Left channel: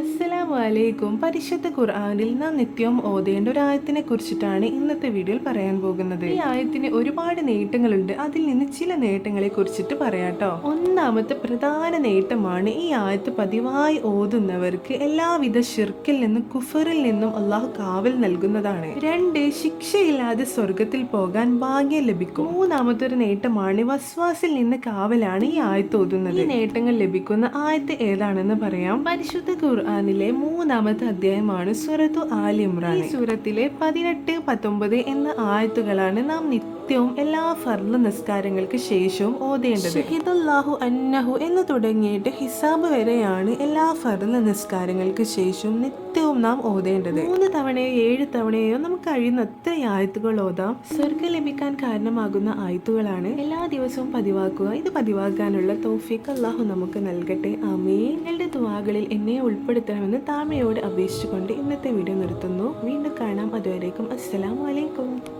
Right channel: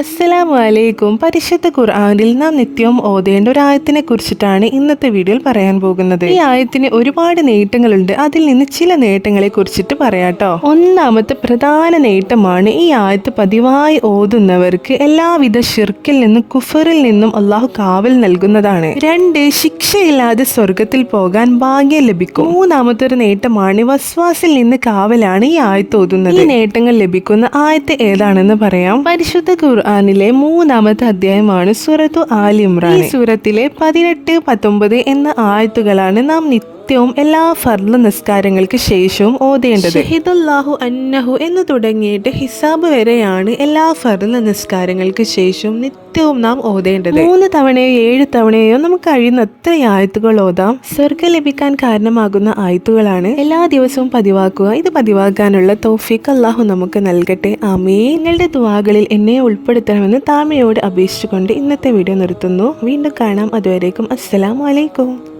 അസ്സലാമു അലൈക്കും പരിശുദ്ധ ഖുർആാനിൽ നാം നിത്യവും ഓതേണ്ട ഒരു ആയത്തിനെ കുറിച്ചിട്ടാണ് ഇന്നത്തെ വീഡിയോയിൽ പറയാൻ പോകുന്നത്. ഈ ആയത്തിന് ഒരുപാട് നേട്ടങ്ങളുണ്ട്. അതിൽ നിന്ന് ചില നേട്ടങ്ങളെ കുറിച്ചിട്ട് പറയാട്ടോ ഒന്നാമത്തെ പ്രധാന നേട്ടമാണ് ഈ ആയത്ത് പതിവായി ഓതുന്നവർക്ക് എല്ലാവിധ ഷിർക്കിൽ നിന്നും കുഫറിൽ നിന്നും അള്ളാഹു കാവൽ നൽകുന്നതാണ്. രണ്ട് ശിക്ഷയില്ലാതെ സ്വർഗത്തിൽ പോകാൻ ഭാഗ്യം ലഭിക്കും. മൂന്നാമത്തെ ഒരു നേട്ടമാണ് വസ്വാസിൽ നിന്ന് കാവലാണ് ഈ ആയത്ത് ഓതുന്നത്. ഈ നേട്ടങ്ങൾ ലഭിക്കുന്ന ആയത്ത് ഏതാണെന്ന് പറയാം. പരിശുദ്ധ ഖുർആനിലെ മൂന്നാമത്തെ അധ്യായമാണ് സൂറത്തു ആലിമ്രാൻ സൂറത്തിലെ പതിനെട്ട് പത്തൊമ്പത് എന്ന ആയത്തുകളാണ് നാം നിത്യവും എല്ലാ ഫർദ് നിസ്കാരങ്ങൾക്ക് ശേഷവും ഓതേണ്ടത്. ഹിദുല്ലാഹു അന്നഹു എന്ന് തുടങ്ങിയിട്ട് ഹിസാബ് വരെയാണ് എല്ലാ ഫർദ് നിസ്കാരങ്ങൾക്ക് ശേഷവും നിത്യവും നാം ഓതേണ്ടത്. മൂന്ന് തവണയോ ഏഴ് തവണയോ നമുക്ക് കഴിയുന്ന എത്ര ആയത്തുകൾ ഓതാം? സ്വർഗം ലഭിക്കാൻ കാരണമാകുന്ന ആയത്തുകളാണ് എല്ലാ ദിവസവും പതിവാക്കുക. ഇത് പതിവാക്കാനുള്ള തൗഫീഖ് അള്ളാഹു നമുക്ക് നൽകട്ടെ. ആമേ നിങ്ങളുടെ ദുവാകളിൽ എന്നെ ഉൾപ്പെടുത്തണമെന്ന് താമയോട് അപേക്ഷിച്ചുകൊണ്ട് ഇന്നത്തെ വീഡിയോ നിർത്തുന്നു. വീണ്ടും കാണാം. അതുവരേക്കും അസ്സലാമു അലൈക്കും.